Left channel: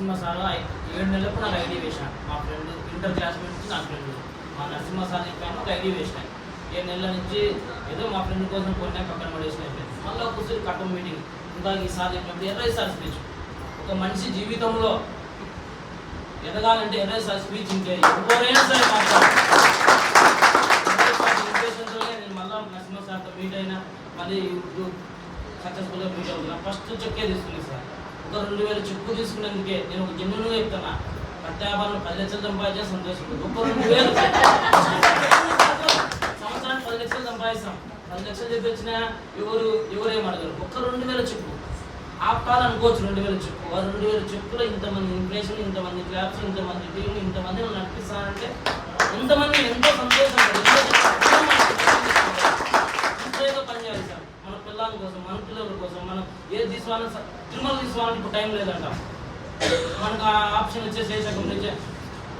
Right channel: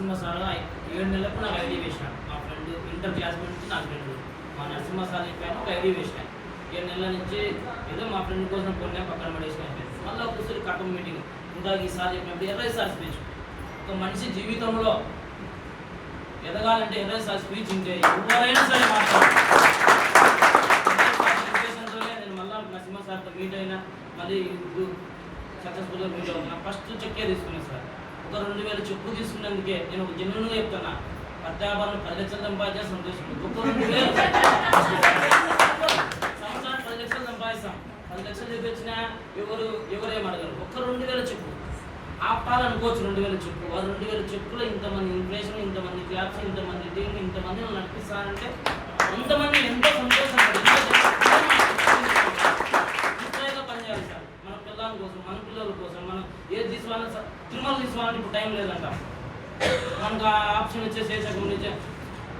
Narasimha sir 7 నెలలకు నాకు ID వేసాను. మా ఫ్రెండ్ ఇంటర్ క్లాస్మేట్ నుంచి నా ఫ్రెండ్ మా నరసింహ సార్ చెప్పాను, ఒక ఐడి వేసాను. 7 నెలల నుంచి ఏదో మా ఫ్రెండ్ కోసం కొన్నా పక్కన పడేసినట్టు మళ్ళీ ఒకసారి కట్టం మీటింగ్ ఇంకా ఈ సార్ చెప్పినప్పుడు 20 సార్ స్పీచ్. ఒక మనిషి జీవితంలో ఎదగాలంటే 20 సార్ స్పీచ్ ఇంకా ఎవరైనా సరే మాట్లాడాలి. నేను మళ్ళీ నరసింహ సార్తో మీట్ అయినా మళ్ళీ ఇప్పుడు సక్సెస్ఫుల్గా మీట్ అవుతున్నా. ఫస్ట్ చెక్కే తీసుకున్నాను సార్. ఒక 2000 చెక్కు తీసుకున్నందుకే నేను ఒక జన్యులుగా చెప్తున్నా, ప్రత్యాభారం 10 లక్షలు సంపాదించే సంతోషం. ఒక 2000 సంవత్సరానికి 10 లక్షలు సంపాదిస్తాం. 10 లక్షలు చూపించినా ఎవరేం అడగరు. ఒక్క 2000 చెక్కు ఆపాలనుకోవచ్చు. 2000 చెక్కు, ఆ 2000 చెక్కులో ఇంతమంది ఇన్ఫ్లేషన్, ఇంతమంది క్లాప్స్, ఇంతమంది టీం, ఇంతమంది నన్ను నడిపిస్తారంటే ఇంతమంది ఎంతో సంతోషం. ఇంట్లో పని చేయాలి సార్, మన పిల్లల కోసం, మన పిల్లల కోసం. మనం ఏది తీసుకోవాలని తిరుమల తీసుకోవాలని ఇప్పుడు టైం లేదంట. మనకు ఆప్షన్ ఇచ్చే శేషకం నుంచి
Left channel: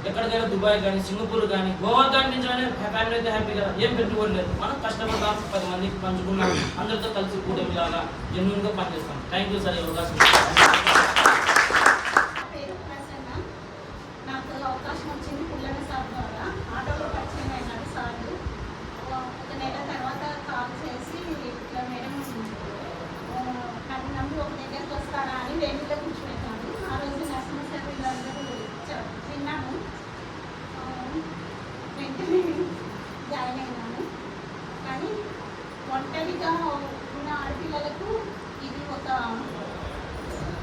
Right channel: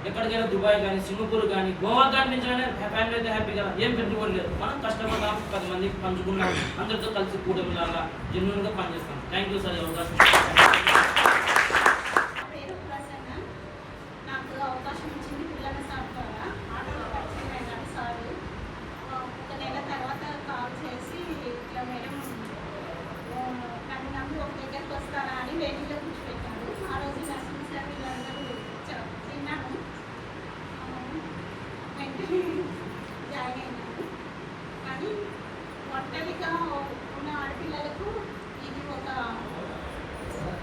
ఎక్కడికైనా దుబాయ్ కానీ, సింగపూర్ కానీ, గోవా కానీ నుంచి ఫ్యామిలీ అయితే హ్యాపీ కదా. ఏం పెట్టుకోవడం లేదు. మనం కష్టపడతాం, 10 మందికి పంచుకున్నాం, అందరితో కలిసి కూటమిలాగా జెన్యూన్గా పనిచేస్తాం. థ్యాంక్ యూ సార్ ఈ అవకాశం. నాకు అవకాశం వచ్చింది పిల్లల సార్ ద్వారా. ఆటోలో పరిచయం అయినాడు సార్. ఒక నెల తర్వాత కాల్ చేసి ఇట్లా మేడం నన్ను నమ్మి ఒక దగ్గరికి వస్తారా అని వేదికగా కూర్చోబెట్టాను. ఆ రోజు నర్సింగ్ సార్ వీళ్ళందరూ విన్నాను, వెంటనే జాయిన్ అయినాను. కానీ ఒంటరిగా ఉన్న ఆడపిల్లలకు ఇది ఒక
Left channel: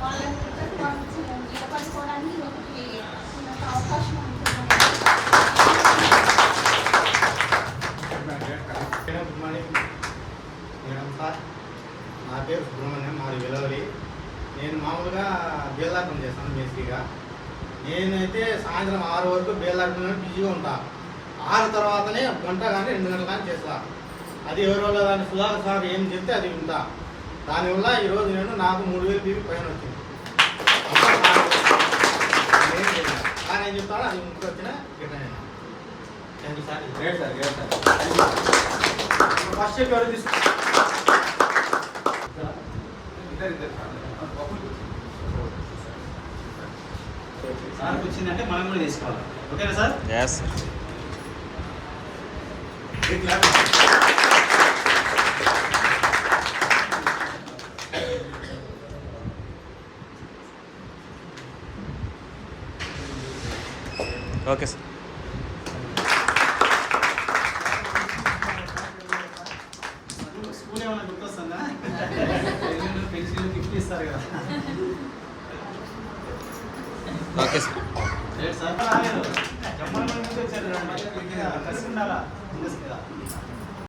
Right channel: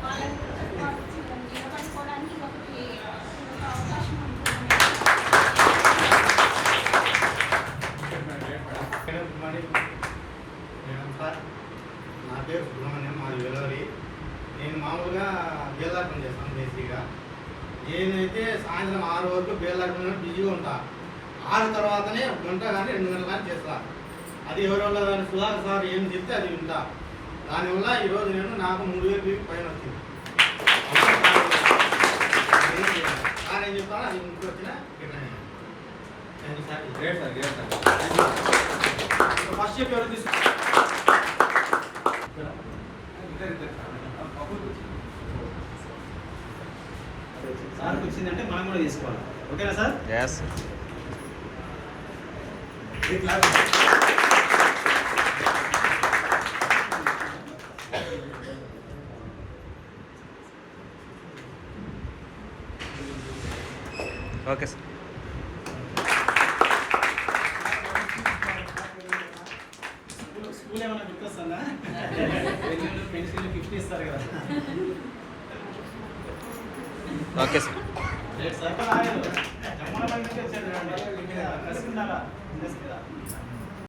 వాళ్ళని నిలబడుకోవడానికి ఒకటి అవకాశం ఉంటుంది. Good morning madam sir. నా పేరు సుబ్రహ్మణ్యం, మాది వెలవలి. నేను మామూలుగా బేల్దార్ పని చేస్తాను. బేసిక్గా నేనైతే సాయంత్రం 6 వరకు బేల్దార్ పని బిజీగా ఉంటాను. 6 తర్వాతనే 1 గంట కానీ 2 గంటల కానీ చేస్తాను. అది ఎవరి వల్ల దాన్ని సుధాకర్ సార్ ఏం చెప్తే అది వింటా. దానివల్ల ఈరోజు నాకు 3000 బీపీ పైన వచ్చింది. సార్ ఏం చెప్తానో అది ఇంటికి వచ్చిన return. Thank you sir. Great sir, great sir. First చెప్పి ఎవరు తీసుకు సార్కి వచ్చిందంటే మనం కూడా తీసుకోవాలి. ఓకేనా sir? yes okay sir. School ఏమైనా గుర్తొస్తుందా? పెన్సిల్ గిఫ్ట్ ఇస్తారు కదా. Okay sir. సార్ జమ్మల మంది వచ్చారు, కలిసి ఉండాలా.